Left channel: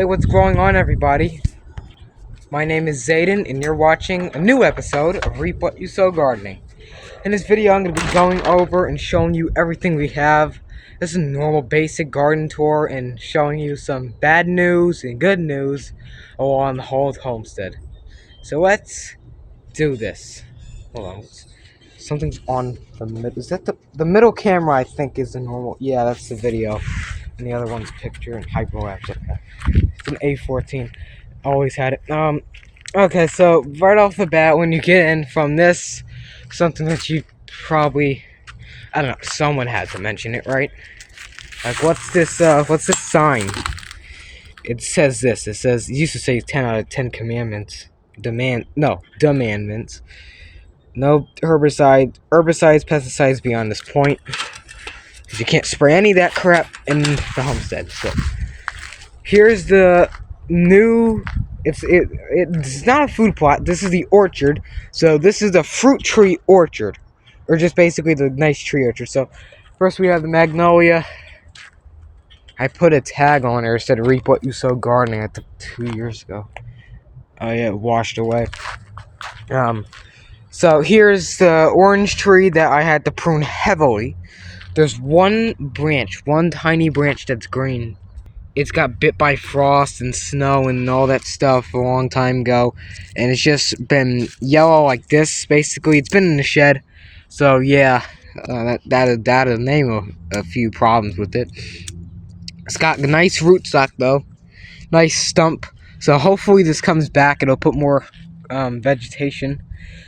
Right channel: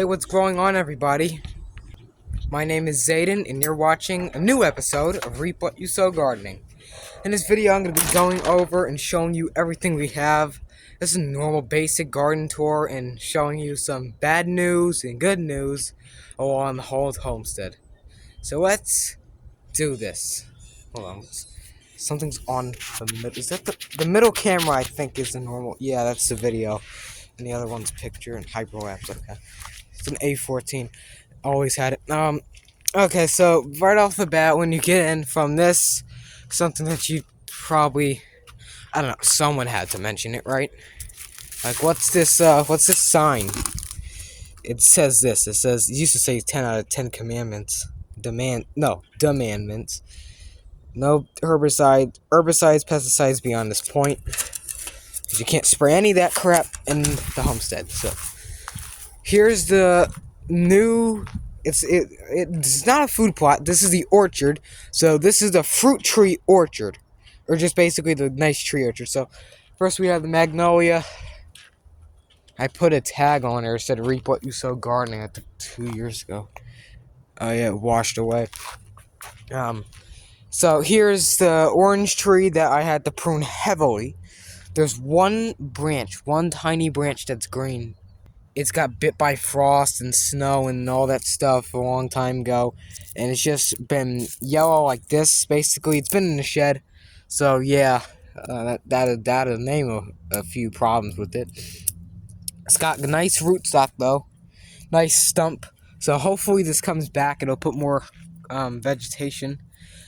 Hey, what's going on, everybody? My name is Zayden, and you're watching a new episode of Reap What You Sow Gardening. In this video, I'm going to be going over and showing you everything we have. This is a normal basic garden tour and showing you some bad news and good news along the whole Homestead. So let's do this. Hold on. Something's on the middle. Is that the middle camera? I think is the normal. Yeah, that's the video. And the other one's picture and hyperlapse. Okay. It's an A14. Always had it. Okay, so right off the bat, when you get in from this, something that you probably, I don't know, someone had to mention it, right? Like, what's this sign? It says this. It says, it used to say 10 out of 10 commandments. Demandments. No herbicides, pesticides beyond this point. You can't spray any of that crap in the homestead. So, here's the new. It's not a food plot. This is the orchard. So this is the fruit tree orchard, or just basically the nice tree orchard. So first we have the magnolia. I put a tag on there. It said "Reap What You Sow Gardening." I think 2 years ago. Yeah, it washed away. So here's the orange tree that I had to prune heavily. There's one tiny branch that's green. It's got bit by frost and snow and all that stuff a long time ago, and it's just been yellow like this. Basically, it's been in the shed. So yeah, that'll name a few problems with it. It's got a nice rootstock though, nice stump. So hopefully this comes back. It'll put more vegetation.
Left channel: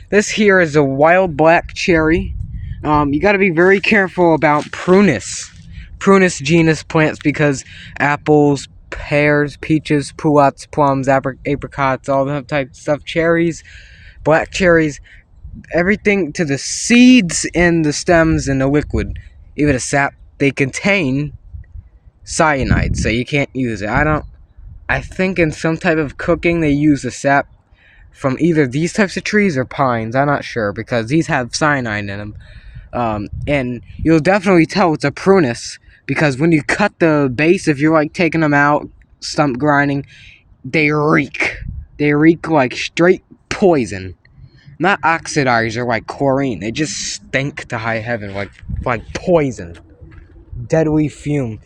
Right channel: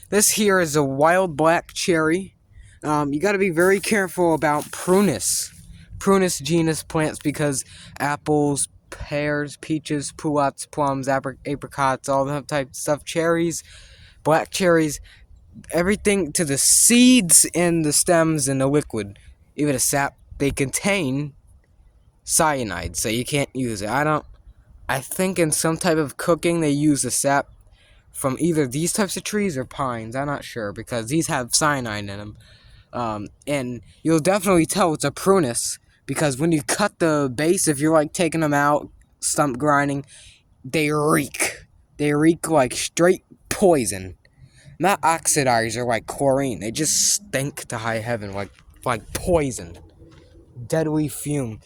This here is a wild black cherry. You got to be very careful about Prunus genus plants, because apples, pears, peaches, pullets, plums, apricots, all that type of stuff, cherries, black cherries, everything to the seeds and the stems and the liquid, even the sap, they contain cyanide, so you can't use it. I think in some type of cooking they use the sap from either these types of trees or pines. I'm not sure, because these have cyanide in them. And you'll definitely tell it's a Prunus, because when you cut the base, if you're like taking them out, stump grinding, they reek. They reek like straight poison. Not oxidizer like chlorine. They just stink to high heaven like poison. Deadly fume.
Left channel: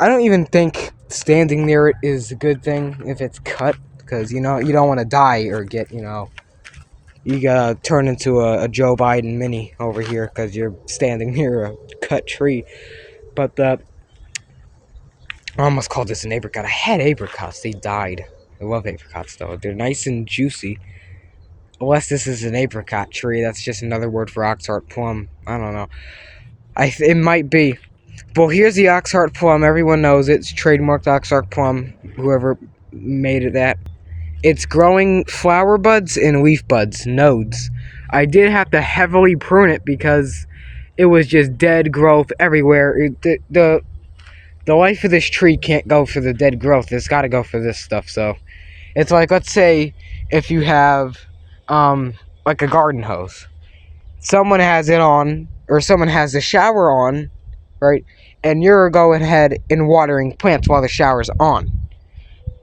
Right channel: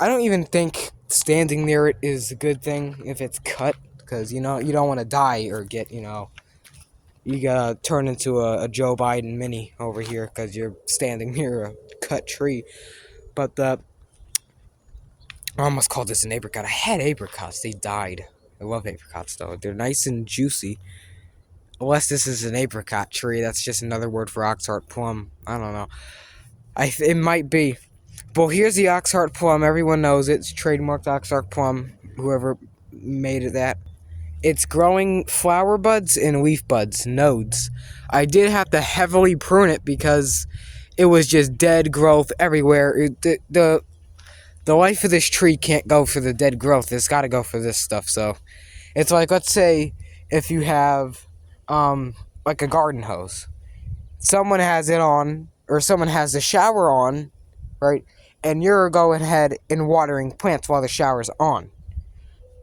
I don't even think standing near it is a good thing if it's cut, because you don't want to die or get you gotta turn into a Joe Biden mini over here because you're standing near a cut tree. But I almost called this an apricot. I had apricots. They died. I love apricots, though. They're nice and juicy. Unless this is an apricot tree. That's just another word for oxheart plum. I don't know. It might be. Well, here's the oxheart plum. Everyone knows it. It's trademarked oxheart plum. Whoever made it that. It's growing flower buds and leaf buds, nodes. I did have to heavily prune it because it was just dead growth everywhere. The life of this tree can't go for the dead growth. It's got to go for this stuff. So it's like, let's say if you have like a garden hose. Someone has it on, or someone has the shower on, right? And you're going ahead and watering plants while the shower's on.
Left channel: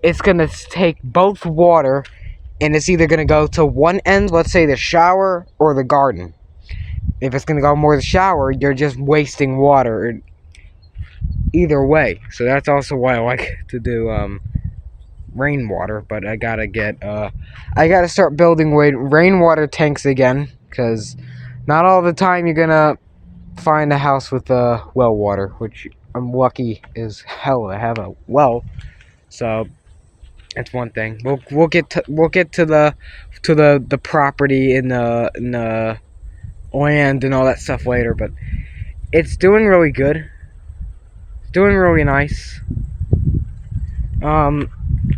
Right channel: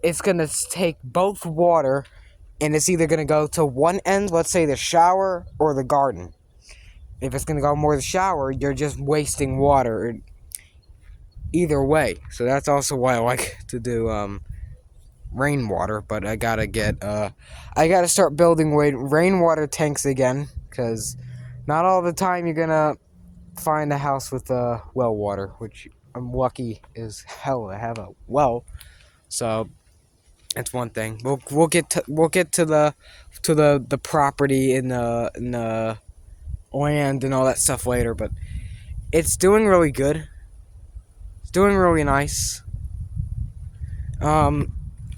It's going to take both water, and it's either going to go to one end, let's say the shower, or the garden. If it's going to go more the shower, you're just wasting water. Either way. So that's also why I like to do rainwater. But I got to start building rainwater tanks again, because not all the time you're going to find a house with well water, which I'm lucky as hell to have a well. So that's one thing. We'll get to the property in the land and all that stuff later, but it's doing really good. It's doing really nice.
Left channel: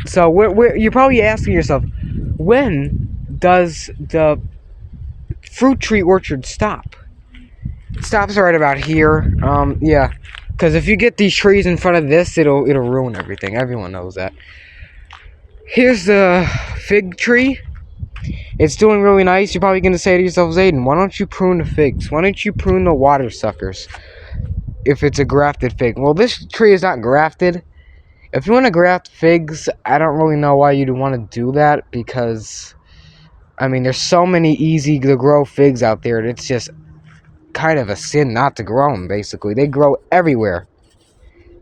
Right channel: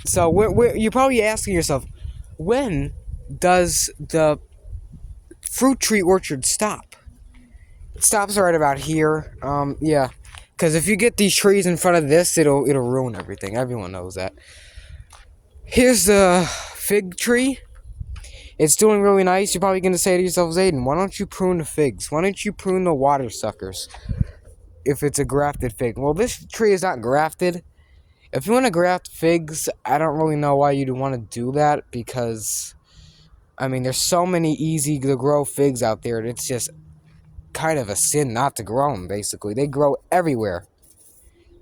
So you're probably asking yourself, when does the fruit tree orchard stop? It stops right about here. Yeah, because if you get these trees in front of this, it'll ruin everything. Everyone knows that. Here's the fig tree. It's doing really nice. You're probably going to say to yourself, Zayden, why don't you prune the figs? Why don't you prune the water suckers if it's a grafted fig? Well, this tree is not grafted. If you want to graft figs, I don't really know why you'd want to do that, because I mean, there's so many easy to grow figs out there. It's just kind of a sin not to grow them, basically. They grow everywhere.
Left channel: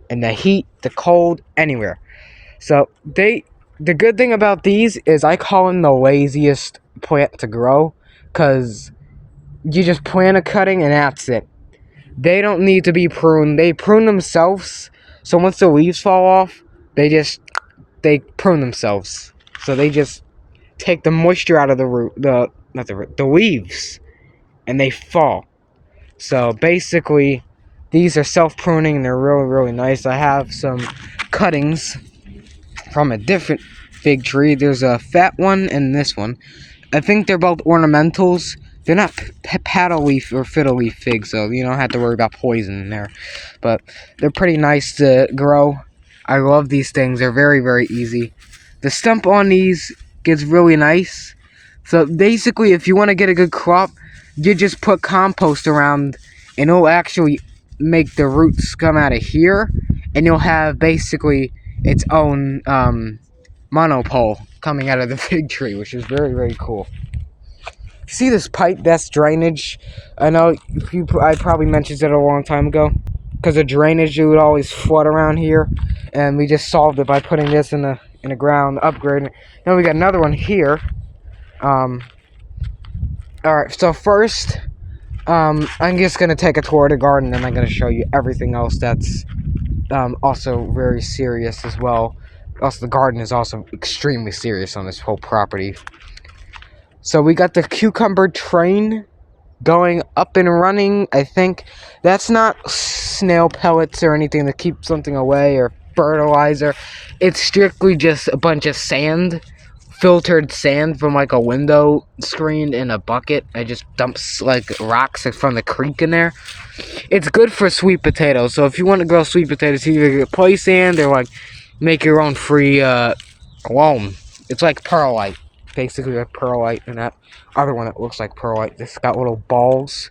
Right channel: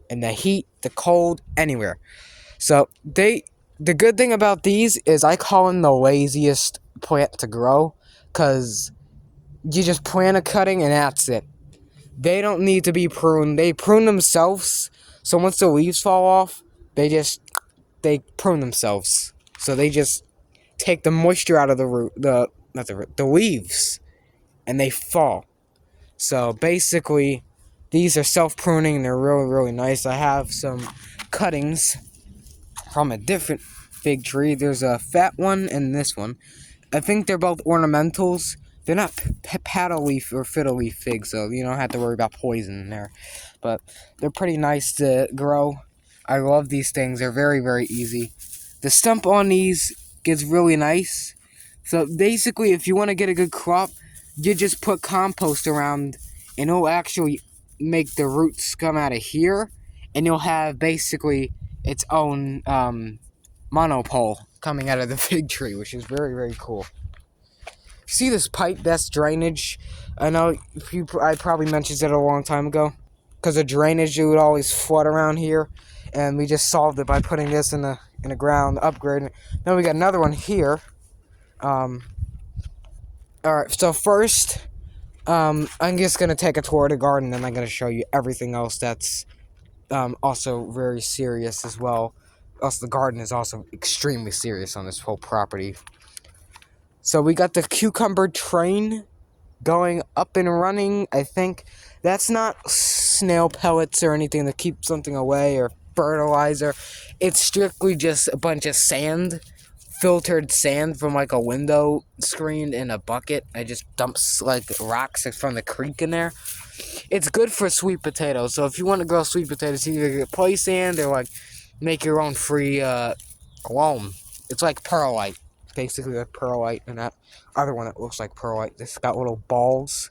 In the heat, the cold, anywhere. So, the good thing about these is I call them the laziest plant to grow, because you just plant a cutting and that's it. They don't need to be pruned. They prune themselves. So once the leaves fall off, they prune themselves. So they just take the moisture out of the root, the leaves, and they fall. So basically, these are self-pruning and they're really, really nice. I have some cuttings from a different fig tree. There's a fat one and this one. I think they're both ornamentals. They're not paddle leaf or fiddle leaf figs, so you don't have to worry about poison in there. But they're pretty nice to grow. I love these things. They're very, very easy. The stump on these gets really nice. So basically, if you want to get a good crop, you just put compost around, and it'll actually make the roots come out of here, and you'll have basically its own monopole coming out of the fig tree, which is very, very cool. See this pipe? That's drainage. I know I probably mentioned it a long time ago, because the drainage would always flood around here, and we just solved it by putting this in the ground, upgrading. Then we got another one here. All right. So first, I'm just gonna take a tour of the garden, and I'm gonna show you everything else that's also very serious as well. Also, the garden is also extremely serious on this whole property. So we got the cucumber train going up and running. I think that's not snail pellets or anything to keep something away or fertilizer. It's strictly just a bunch of sand, filtered sand from like a window screen in a bucket. I just dumps like rocks from the creek in there. It's good for sweet potatoes. So if you want to grow sweet potatoes, either play sand or like make your own free loam. It's like perlite. Basically like perlite, and that other one that looks like perlite. It's got little balls,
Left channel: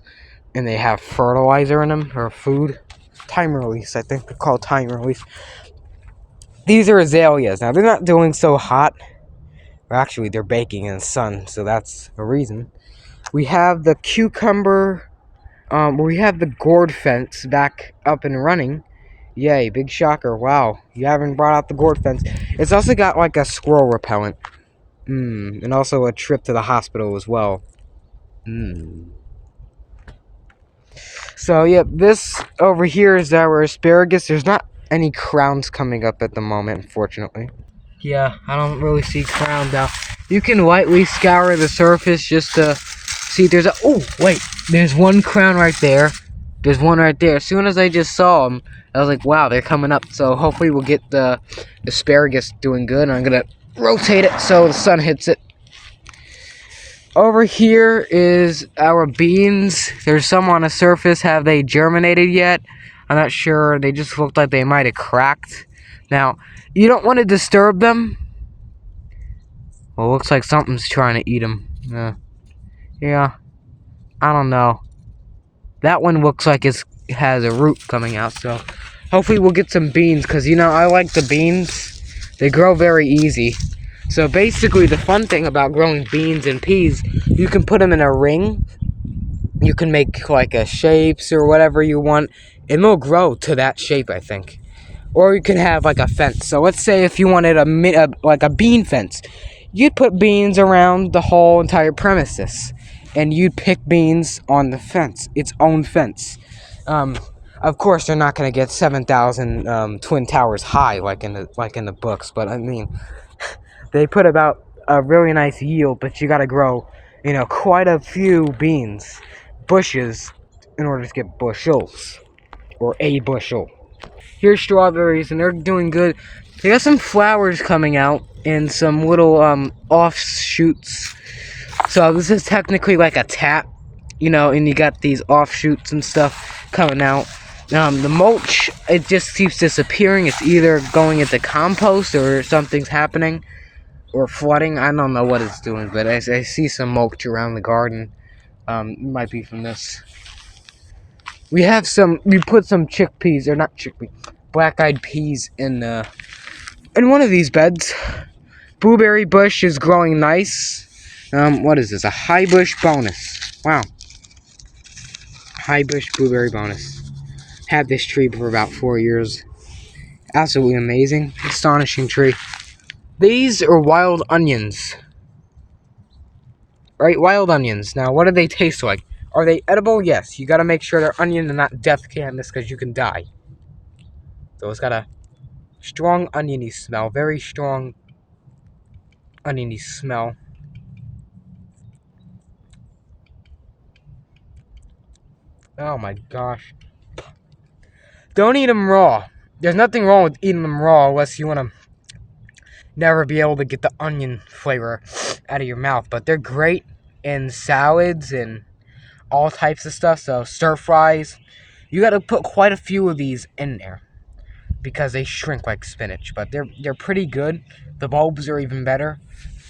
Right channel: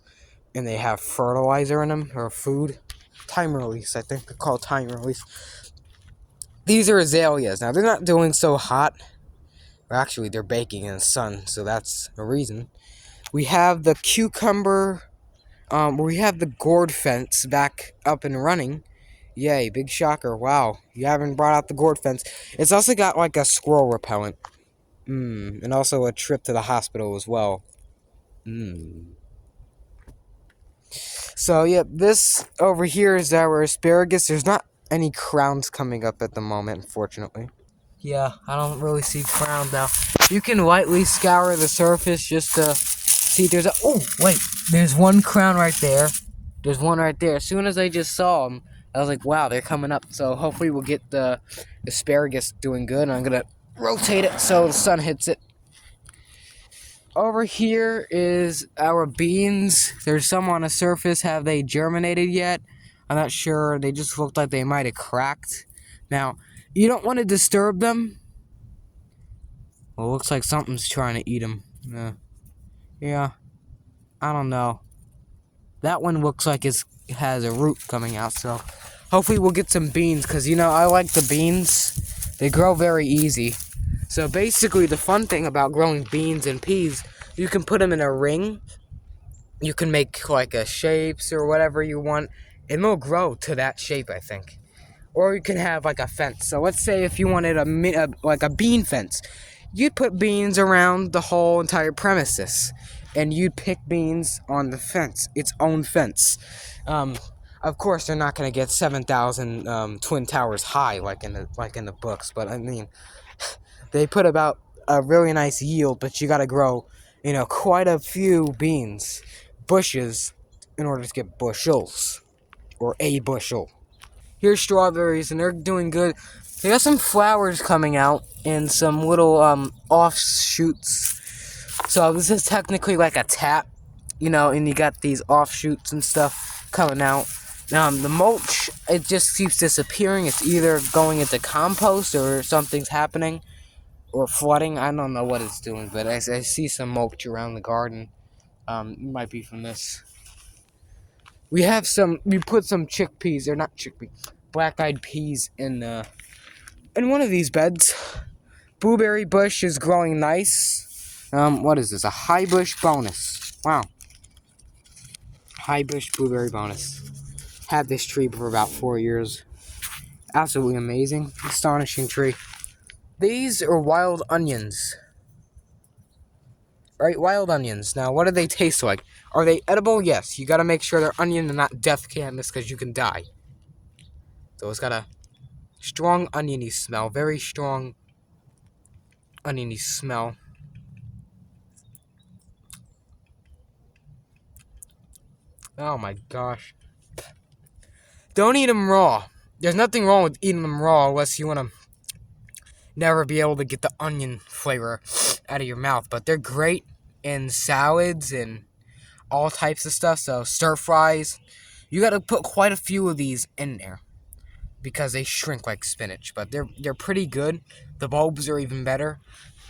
and they have fertilizer in them, or food. Time release, I think they're called time release. These are azaleas. Now, they're not doing so hot. Well, actually, they're baking in the sun, so that's a reason. We have the cucumber, we have the gourd fence back up and running. Yay, big shocker. Wow, you haven't brought out the gourd fence. It's also got like a squirrel repellent. And also a trip to the hospital as well. So, yep, this over here is our asparagus. There's not any crowns coming up at the moment, unfortunately. Yeah, I don't really see crowns now. You can lightly scour the surface just to see if there's a... Oh, wait, there's one crown right there. There's one right there. As soon as I just saw them, I was like, wow, they're coming up. So hopefully we'll get the asparagus doing good. And I'm going to rotate it so the sun hits it. Over here is our beans. There's some on the surface. Have they germinated yet? I'm not sure. They just looked like they might have cracked. Now, you don't want to disturb them. Well, it looks like something's trying to eat them. Yeah, I don't know. That one looks like it has a root coming out, so hopefully we'll get some beans, because, you know, I like the beans. They grow very easy. So basically, the fun thing about growing beans and peas, you can put them in a ring. You can make like a shapes or whatever you want, and they'll grow to that shape, I think. Or you can have like a fence. So let's say if you wanted like a bean fence, you'd put beans around the whole entire premises, and you'd pick beans on the fence, its own fence. Of course, they're not going to get 7,000 twin towers high like in the books, but I mean, they put about a really nice yield. But you got to grow, you know, quite a few bushes, in order to get bushels, or a bushel. Here's strawberries, and they're doing good. They got some flowers coming out and some little offshoots. So this is technically like a tap, you know, and you got these offshoots and stuff coming out. The mulch, it just keeps disappearing. It's either going into compost or something's happening, or flooding. I don't know what it's doing, but I see some mulch around the garden. It might be from this. We put some chickpeas, or not chickpeas, black-eyed peas in the in one of these beds. Blueberry bush is growing nice. What is this? A high bush bonus. Wow. High bush blueberry bonus. Had this tree for about 4 years. Absolutely amazing. Astonishing tree. These are wild onions. Right? Wild onions. Now, what do they taste like? Are they edible? Yes. You gotta make sure they're onion and not death cannabis because you can die. So it's got a strong oniony smell. Very strong oniony smell. Oh my gosh. Don't eat them raw. There's nothing wrong with eating them raw unless you want to never be able to get the onion flavor out of your mouth. But they're great in salads and all types of stuff. So stir fries. You got to put quite a few of these in there because they shrink like spinach. But they're pretty good. The bulbs are even better.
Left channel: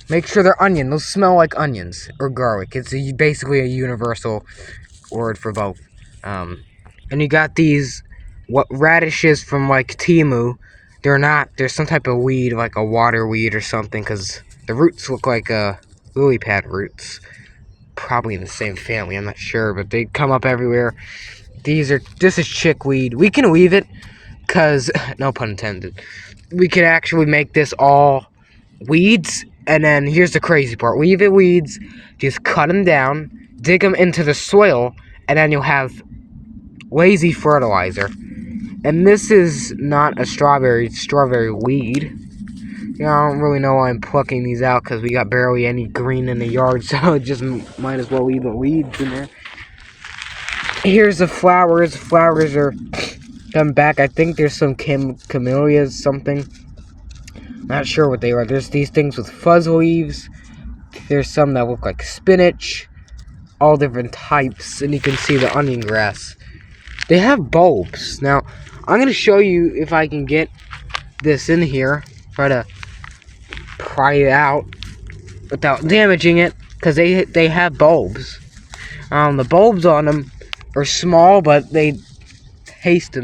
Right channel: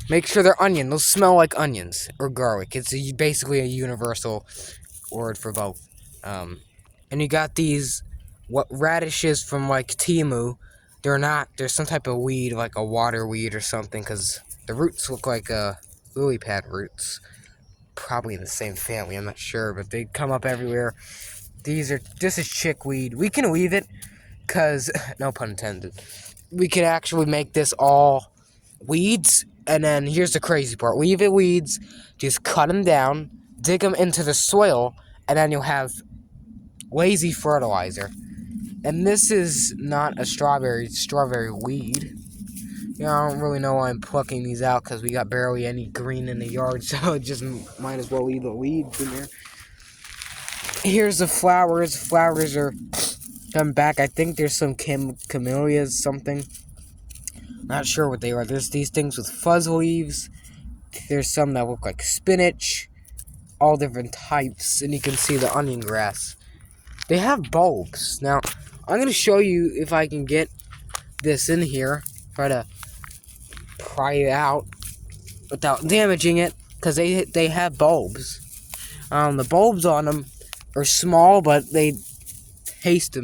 Make sure they're onion. They'll smell like onions or garlic. It's basically a universal word for both. And you got these radishes from like Timu. They're some type of weed, like a water weed or something, because the roots look like lily pad roots. Probably in the same family, I'm not sure, but they come up everywhere. This is chickweed. We can weave it, because, no pun intended, we can actually make this all weeds, and then here's the crazy part. Weave it weeds, just cut them down, dig them into the soil, and then you'll have lazy fertilizer. And this is not a strawberry weed. I don't really know why I'm plucking these out because we got barely any green in the yard, so it just might as well leave the weeds in there. Here's the flowers. Flowers are coming back. I think there's some camellias, something. Not sure what they are. There's these things with fuzz leaves. There's some that look like spinach. All different types, and you can see the onion grass. They have bulbs. Now, I'm going to show you if I can get this in here. Try to pry it out without damaging it, because they have bulbs. The bulbs on them are small, but they taste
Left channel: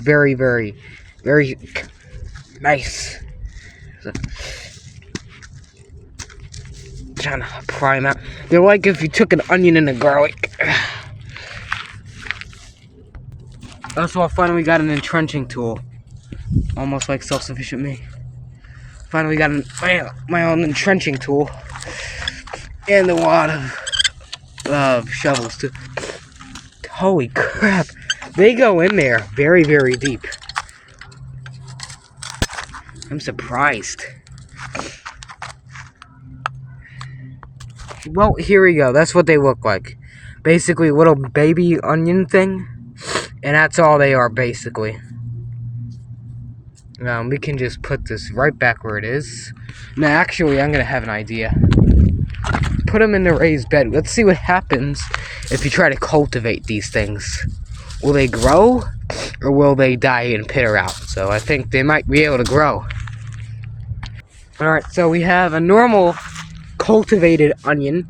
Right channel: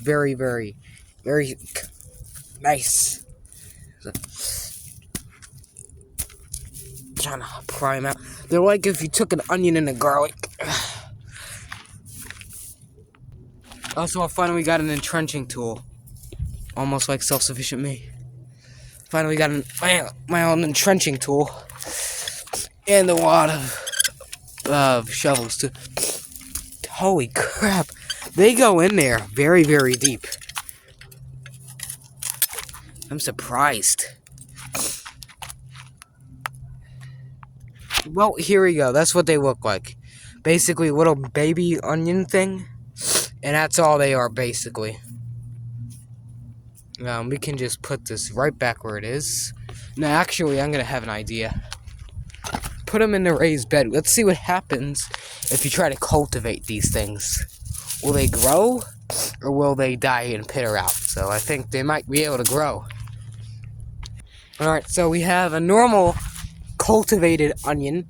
very, very, very nice. So, trying to pry them out. They're like if you took an onion and a garlic. Also, I finally got an entrenching tool. Almost like self-sufficient me. Finally got my own entrenching tool. And a lot of shovels too. Holy crap. They go in there very, very deep. I'm surprised. Well, here we go. That's what they look like. Basically, a little baby onion thing. And that's all they are, basically. We can just put this right back where it is. Now, actually, I'm going to have an idea. Put them in the raised bed. Let's see what happens if you try to cultivate these things. Will they grow? Or will they die and peter out? So I think they might be able to grow. Alright, so we have a normal cultivated onion.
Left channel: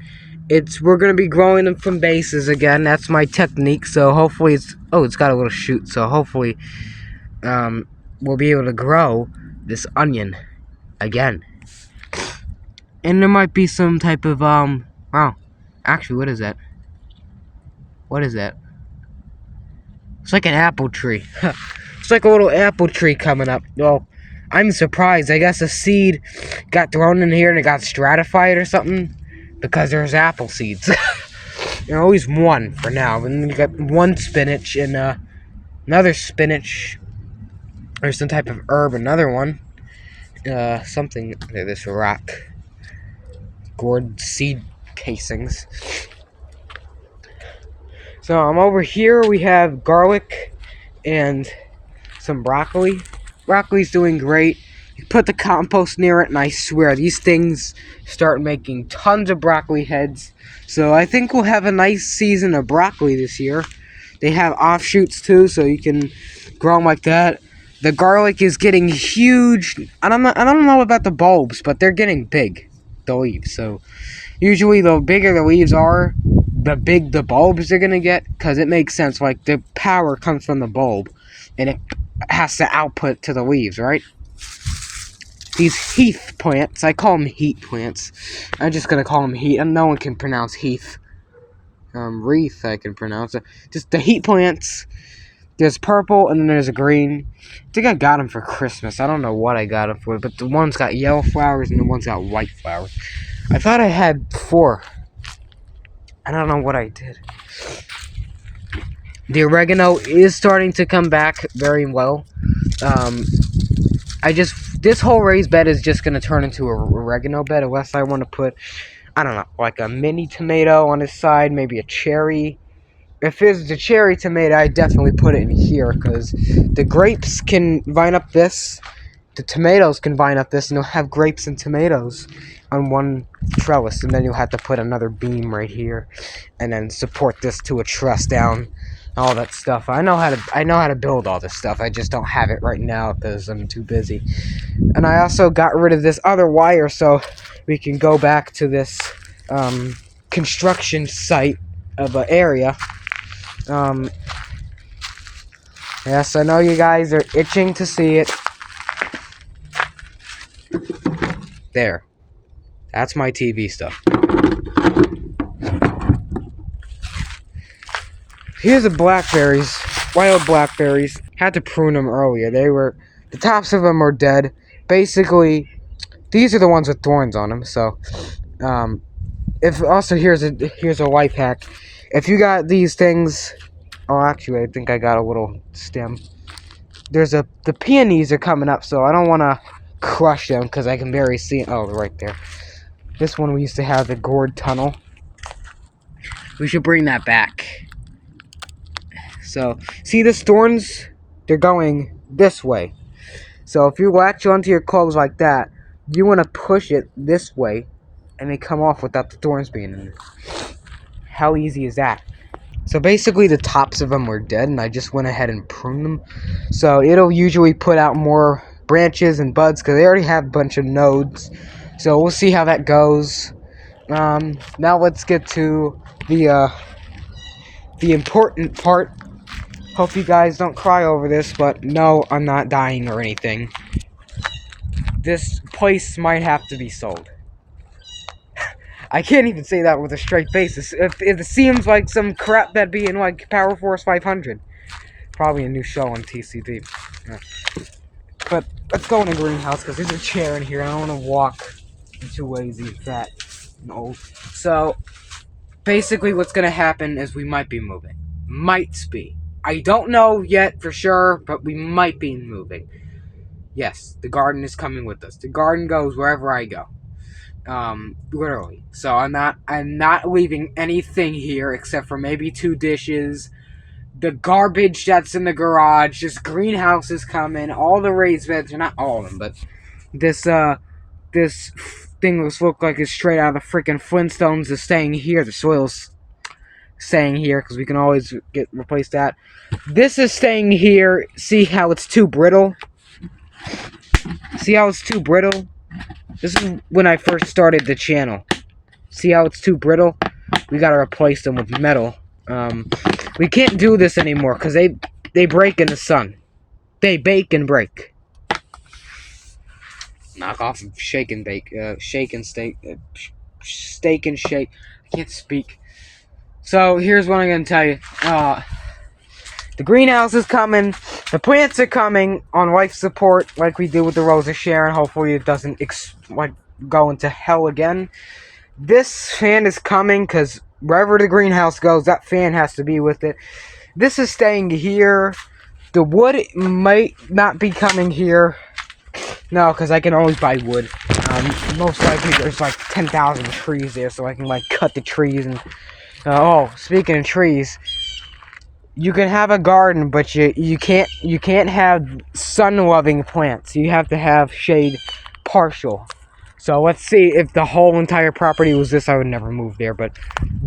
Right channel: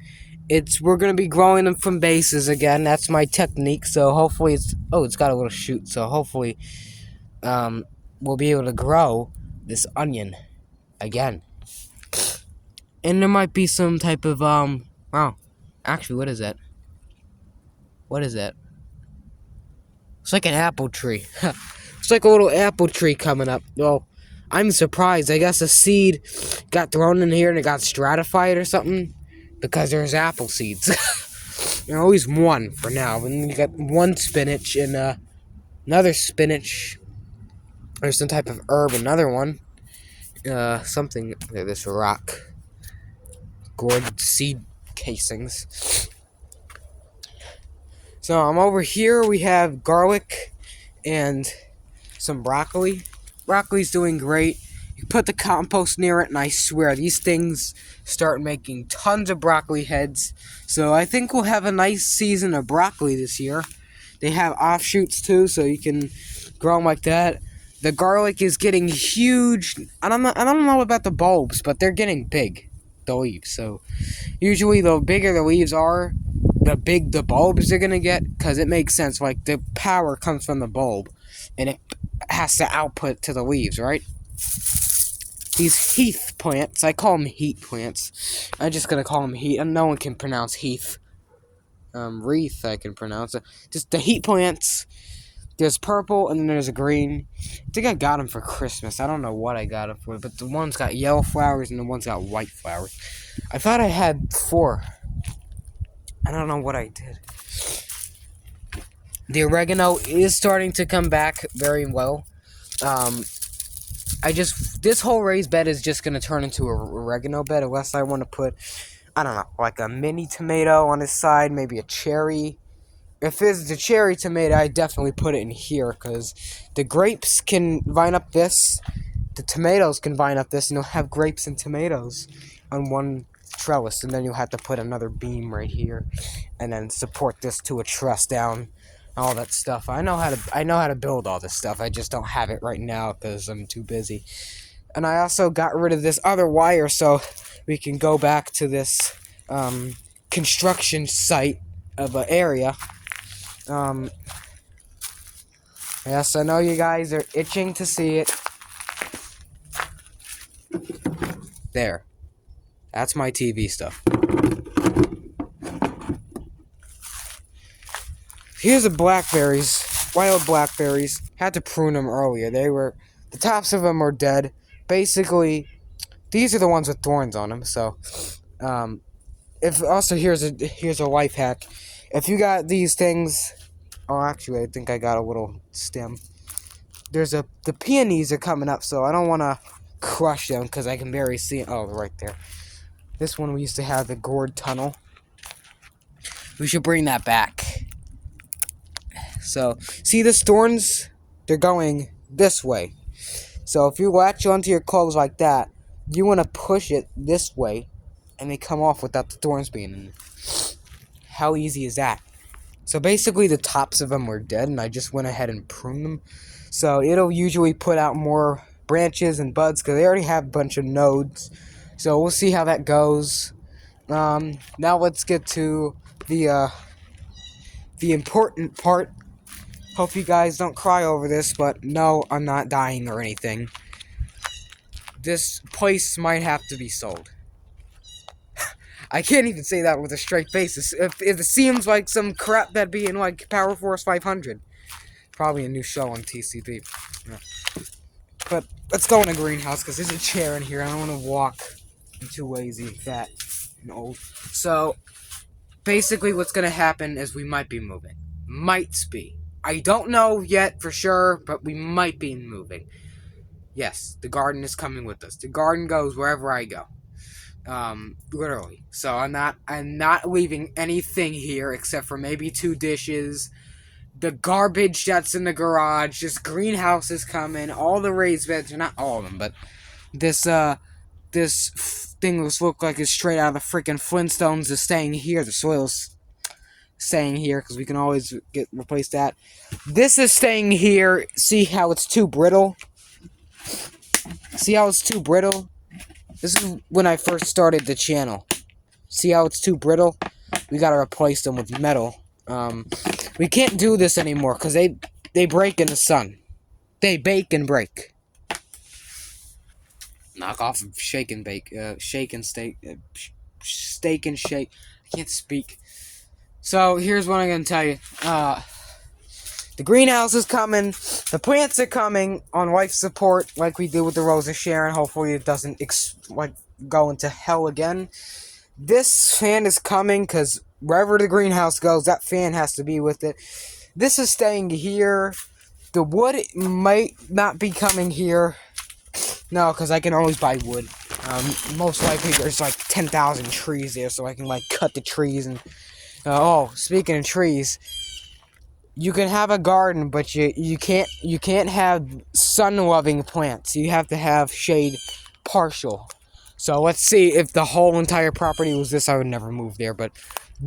We're going to be growing them from bases again. That's my technique. So hopefully it's got a little shoot. So hopefully we'll be able to grow this onion again. And there might be some type of wow. Actually, what is that? What is that? It's like an apple tree. It's like a little apple tree coming up. Well, I'm surprised. I guess a seed got thrown in here and it got stratified or something. Because there's apple seeds. There's always one for now. And then you got one spinach and another spinach. Or some type of herb, another one. Something. Yeah, this rock. Gourd seed casings. So I'm over here. We have garlic and some broccoli. Broccoli's doing great. You put the compost near it, and I swear these things start making tons of broccoli heads. So I think we'll have a nice season of broccoli this year. They have offshoots too, so you can grow them like that. The garlic is getting huge. I don't know about the bulbs, but they're getting big. The leaves. So usually the bigger the leaves are, the big the bulbs are gonna get, because it makes sense. Like the power comes from the bulb, and has to output to the leaves, right? These heath plants, I call them heat plants. I'm just gonna call them heat, and no one can pronounce heath. Wreath, I can pronounce it. Just the heat plants. There's purple, and then there's a green. I think I got them for Christmas. I don't know what I got them for, but the one's got yellow flowers, and the one's got white flowers. I thought I had 4. I don't know what I did. The oregano is starting to come back very well. This whole raised bed is just going to turn into a oregano bed, unless I want to put, I don't know, like a mini tomato on the side, maybe a cherry. If it's a cherry tomato, I definitely put it in here, because the grapes can vine up this, the tomatoes can vine up this, and you'll have grapes and tomatoes on one trellis, and then you'll have to put another beam right here, and then support this to a truss down, all that stuff. I know how to build all this stuff. I just don't have it right now because I'm too busy. And I also got rid of this other wire so we can go back to this construction site of an area. Yes, I know you guys are itching to see it. There. That's my TV stuff. Here's the blackberries. Wild blackberries. Had to prune them earlier. The tops of them are dead. Basically, these are the ones with thorns on them, so, here's a life hack. If you got these things, oh, actually, I think I got a little stem. The peonies are coming up, so I don't want to crush them, because I can barely see, oh, they're right there. This one we used to have the gourd tunnel. We should bring that back. So, see the thorns? They're going this way. So if you latch onto your clothes like that, you want to push it this way, and they come off without the thorns being in. How easy is that? So basically the tops of them were dead, and I just went ahead and pruned them. So it'll usually put out more branches and buds, because they already have a bunch of nodes. So we'll see how that goes. Now let's get to the important part. Hope you guys don't cry over this, but no, I'm not dying or anything. This place might have to be sold. I can't even say that with a straight face. If it seems like some crap that'd be in, like, Power Force 500. Probably a new show on TCP. Yeah. But let's go in the greenhouse, because there's a chair in here. I don't want to walk. I'm too lazy, fat, and old. So, basically what's going to happen is we might be moving. Might be. I don't know yet for sure, but we might be moving. Yes, the garden is coming with us. The garden goes wherever I go. Literally. So I'm not leaving anything here except for maybe 2 dishes, the garbage that's in the garage, this greenhouse is coming, all the raised beds, or not all of them, but this thing looks like it's straight out of the freaking Flintstones is staying here. The soil's staying here, because we can always replace that. This is staying here. See how it's too brittle? See how it's too brittle? This is when I first started the channel. See how it's too brittle? We gotta replace them with metal. We can't do this anymore, because they break in the sun. They bake and break. Knock off of shake and bake. Shake and steak. Steak and shake. I can't speak. So, here's what I'm going to tell you. The greenhouse is coming. The plants are coming on life support like we did with the Rose of Sharon. Hopefully it doesn't go into hell again. This fan is coming because wherever the greenhouse goes, that fan has to be with it. This is staying here. The wood might not be coming here. No, because I can always buy wood. Most likely there's like 10,000 trees there, so I can like cut the trees and... speaking of trees, you can have a garden, but you can't have sun-loving plants. You have to have shade partial. So let's see, if the whole entire property was this, I would never move there. But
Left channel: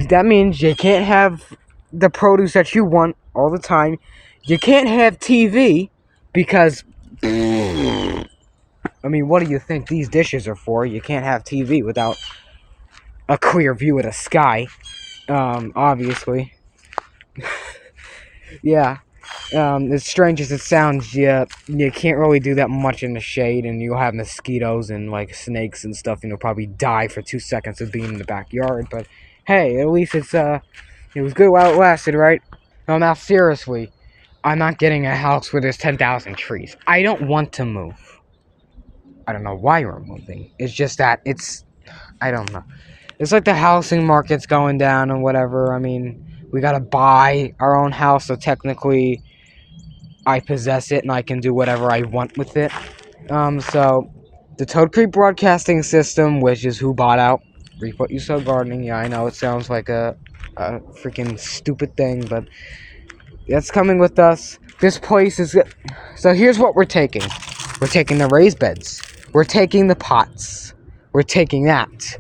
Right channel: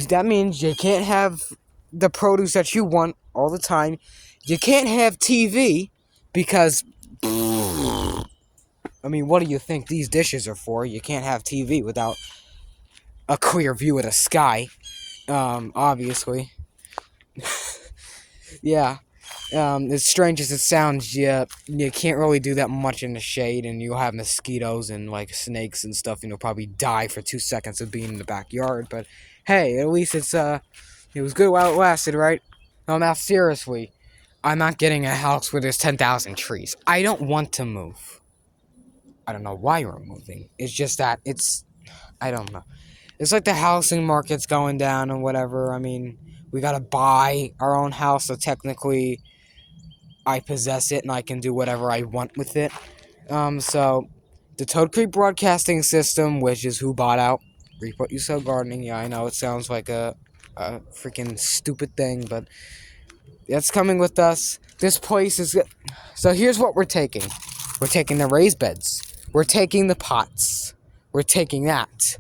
that means you can't have the produce that you want all the time. You can't have TV because, I mean, what do you think these dishes are for? You can't have TV without a clear view of the sky. Obviously. Yeah. As strange as it sounds, you can't really do that much in the shade, and you'll have mosquitoes and like snakes and stuff, and you'll probably die for 2 seconds of being in the backyard. But hey, at least it was good while it lasted, right? No, now seriously, I'm not getting a house where there's 10,000 trees. I don't want to move. I don't know why we're moving. It's just that I don't know. It's like the housing market's going down and whatever. I mean, we gotta buy our own house, so technically I possess it and I can do whatever I want with it. So the Toad Creek Broadcasting System, which is who bought out Reap What You Sow Gardening. Yeah, I know it sounds like a freaking stupid thing, but that's coming with us. This place is... So here's what we're taking. We're taking the raised beds. We're taking the pots. We're taking that.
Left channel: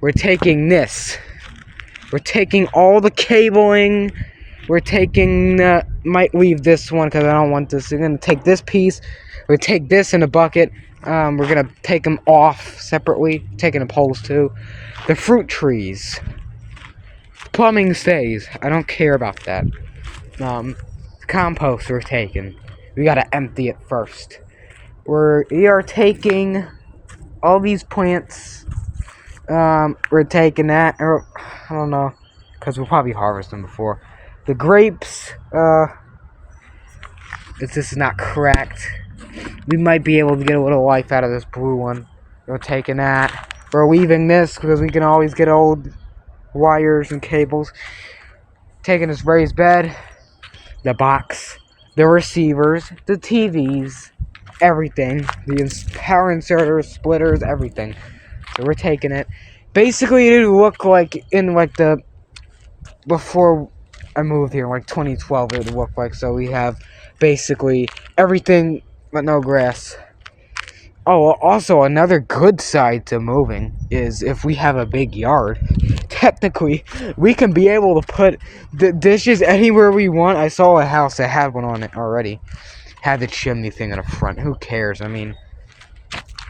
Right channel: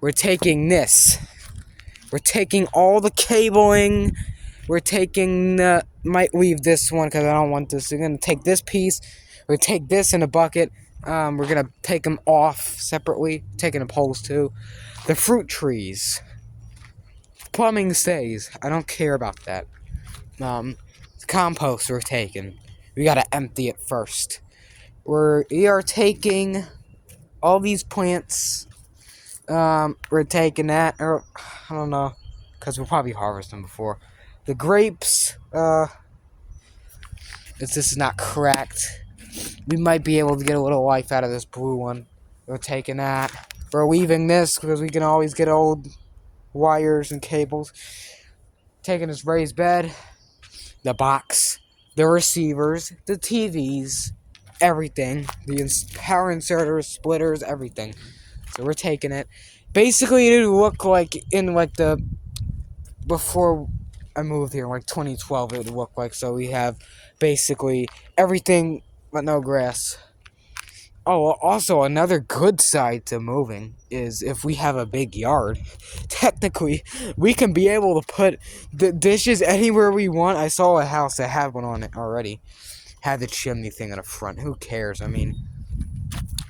We're taking this. We're taking all the cabling. We're taking... might leave this one because I don't want this. We're going to take this piece. We're going to take this in a bucket. We're going to take them off separately. Taking the poles too. The fruit trees. Plumbing stays. I don't care about that. The compost we're taking. We got to empty it first. We are taking all these plants. We're taking that. Or, I don't know. Because we'll probably harvest them before. The grapes, if this is not cracked, we might be able to get a little life out of this blue one. We're taking that. We're leaving this because we can always get old wires and cables. Taking this raised bed, the box, the receivers, the TVs, everything. The power inserters, splitters, everything. So we're taking it. Basically, it looked like in like the... Before I moved here, like 2012, it would look like. So we have basically everything but no grass. Oh, also another good side to moving is if we have a big yard, technically we can be able to put the dishes anywhere we want. I saw a house that had one on it already. Had the chimney thing in the front. Who cares? I mean,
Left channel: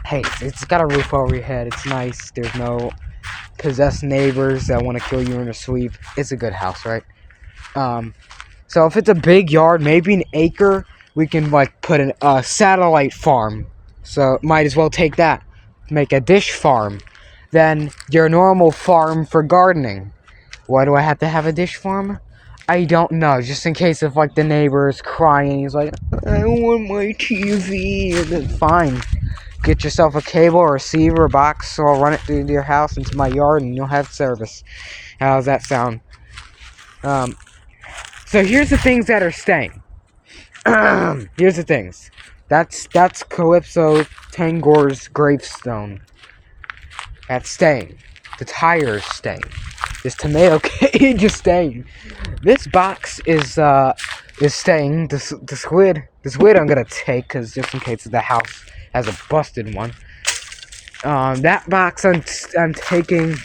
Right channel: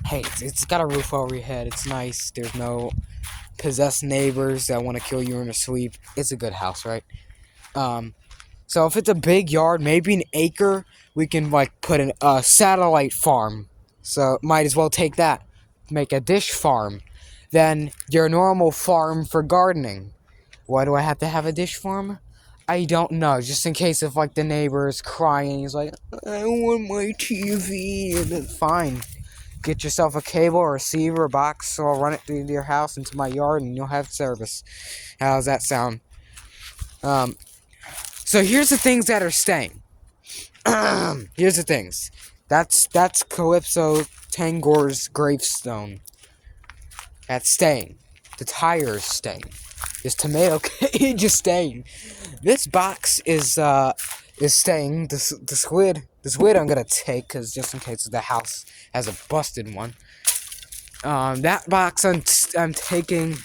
hey, it's got a roof over your head. It's nice. There's no possessed neighbors that want to kill you in your sleep. It's a good house, right? So if it's a big yard, maybe an acre, we can like put a satellite farm. So might as well take that, make a dish farm. Then your normal farm for gardening. Why do I have to have a dish farm? I don't know. Just in case if like the neighbor is crying, he's like, I want my TV. Then fine. Get yourself a cable, a receiver, a box, or I'll run it through your house into my yard, and you'll have service. How does that sound? So here's the things that are staying. Here's the things. That's Calypso Tangor's gravestone. That's staying. The tire is staying. This tomato cage is staying. This box is staying. The squid I'm gonna take because just in case the house has a busted one. That box I'm taking.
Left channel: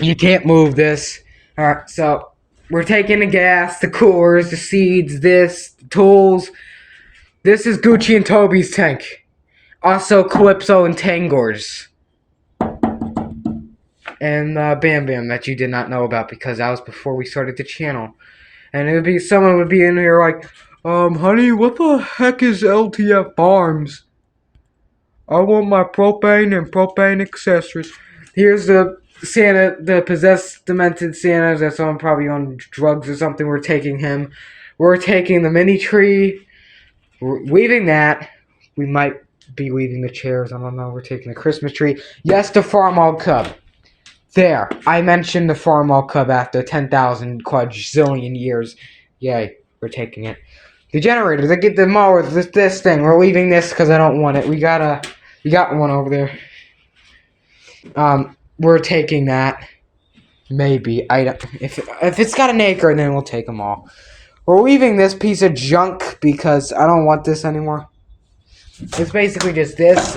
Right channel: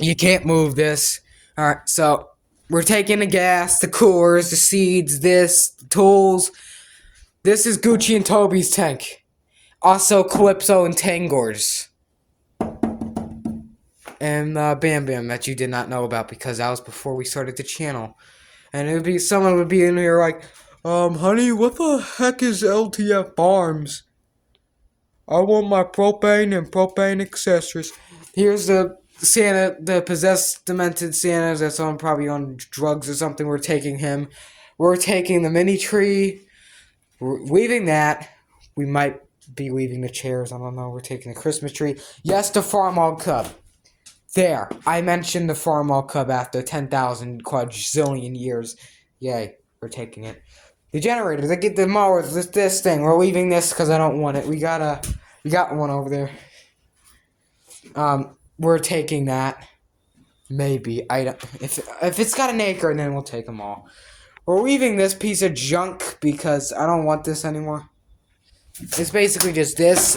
You can't move this. All right, so we're taking the gas, the coolers, the seeds, the tools. This is Gucci and Toby's tank. Also Calypso and Tangor's. And Bam Bam that you did not know about because that was before we started the channel. And someone would be in here like, honey, what the heck is LTF Farms? I want my propane and propane accessories. Here's the Santa, the possessed, demented Santa that's probably on drugs or something. We're taking him. We're taking the mini tree. We're leaving that. We might be leaving the chairs. I don't know. We're taking the Christmas tree. Yes, the Farmall Cub. There. I mentioned the Farmall Cub after 10,000 quadrillion years. Yay. We're taking it. The generator. They get the mower. This thing. We're leaving this because I don't want it. We got one over there. We're taking that. Maybe. If it's got an acre, then we'll take them all. We're leaving this piece of junk because I don't want this anymore. It's basically just this.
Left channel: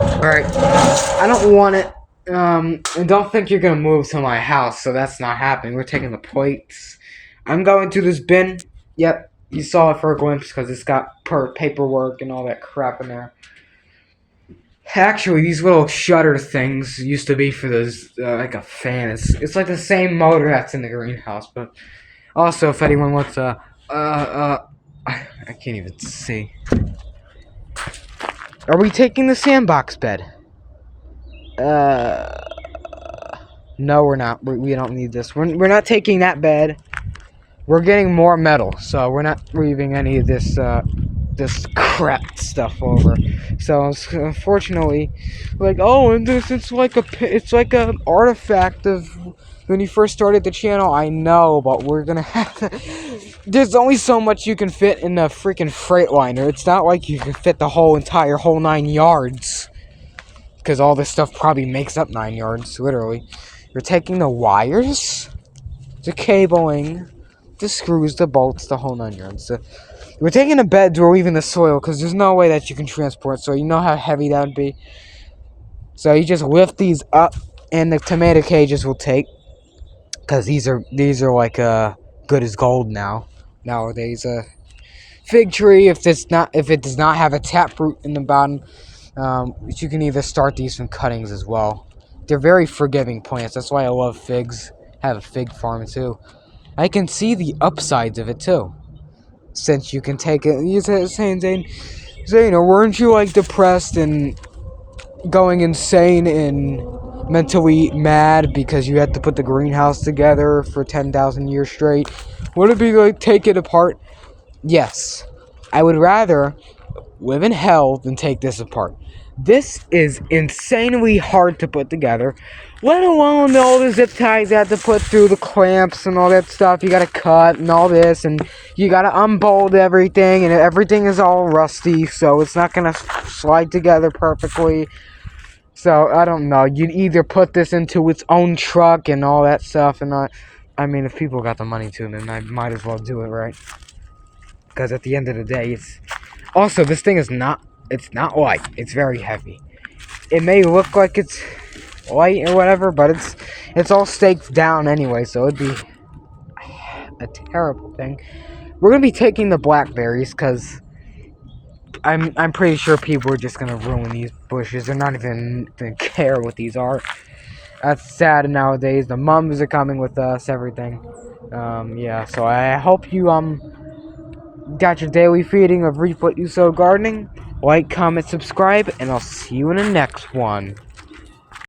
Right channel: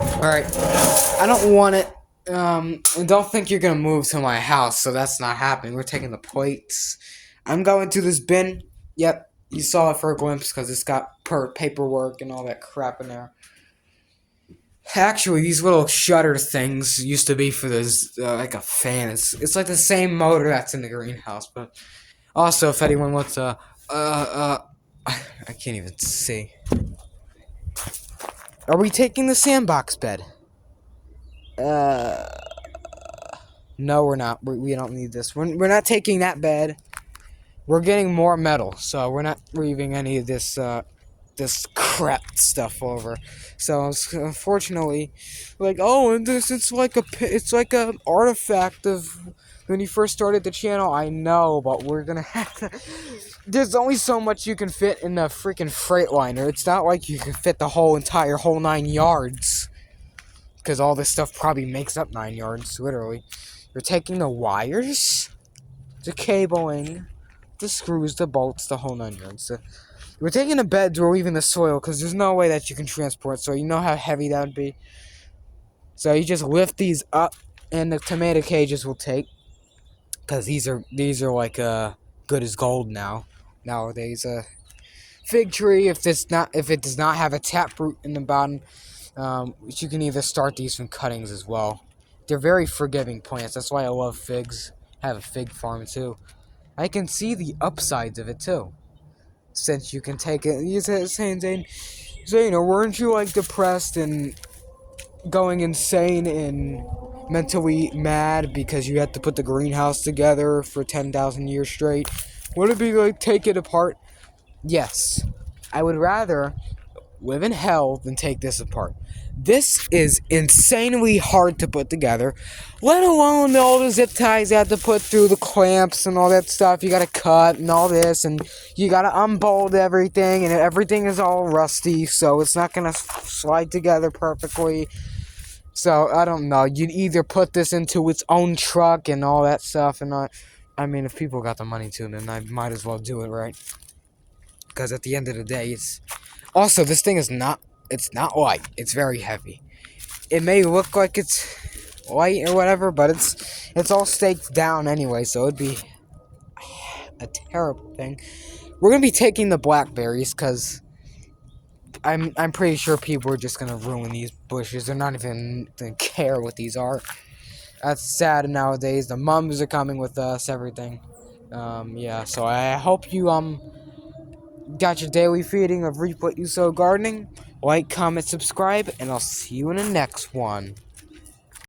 Alright. I don't want it. I don't think you're gonna move to my house, so that's not happening. We're taking the plates. I'm going to this bin. Yep. You saw it for a glimpse because it's got paperwork and all that crap in there. Actually, these little shutter things used to be for this, like a fan. It's like the same motor that's in the greenhouse, but Also, if anyone wants I can't even see. Are we taking the sandbox bed? No, we're not. We don't need this. We're not taking that bed. We're getting more metal, so we're not leaving any of this this crap stuff over. So unfortunately, like, oh, and this it's like a artifact of when you first started the channel. I know, but we're gonna have to. There's only so much you can fit in a freaking Freightliner. It's not like you can fit the whole 9 yards, because all this stuff probably makes up 9 yards, literally. You're taking the wires, the cabling, the screws, the bolts, the whole 9 yards. So we're taking the beds, we're leaving the soil, because there's no way that you can transport, so you know how heavy that would be. So you just lift these up, and the tomato cages will take, because these are like good as gold nowadays. Fig tree, if it does not have a taproot in the bottom, you can either start these from cuttings as well. They're very forgiving plants. That's why I love figs. I have a fig farm too. I can see the upsides of it too. Since you can take it, you're saying, Zane, weren't you like depressed and going insane and mentally mad because you had to put the greenhouse together for 10,000 years straight? Would it be like take it apart? Yes. I would rather live in hell than take this apart. This is insanely hard to put together, let alone all the zip ties I have to put through, the clamps and all that stuff you gotta cut and all this, and you gotta unbolt everything, and everything is all rusty, so it's not gonna slide together perfectly. So, I don't know, you'd either put this into its own truck and all that stuff, and I mean, if people got the money to, then I might as well do it, right? Because at the end of the day, also, this thing is it's not light. It's very heavy. It may look like it's light or whatever, but it's all staked down anyway, so it'd be a terrible thing. We're gonna be taking the blackberries, because I'm pretty sure people are just gonna ruin these bushes. They're not even gonna care what these are. That's sad nowadays. The mums are coming with us, everything. Yeah, so I hope you got your daily feeding of Reap What You Sow Gardening. Like, comment, subscribe, and I'll see you in the next one.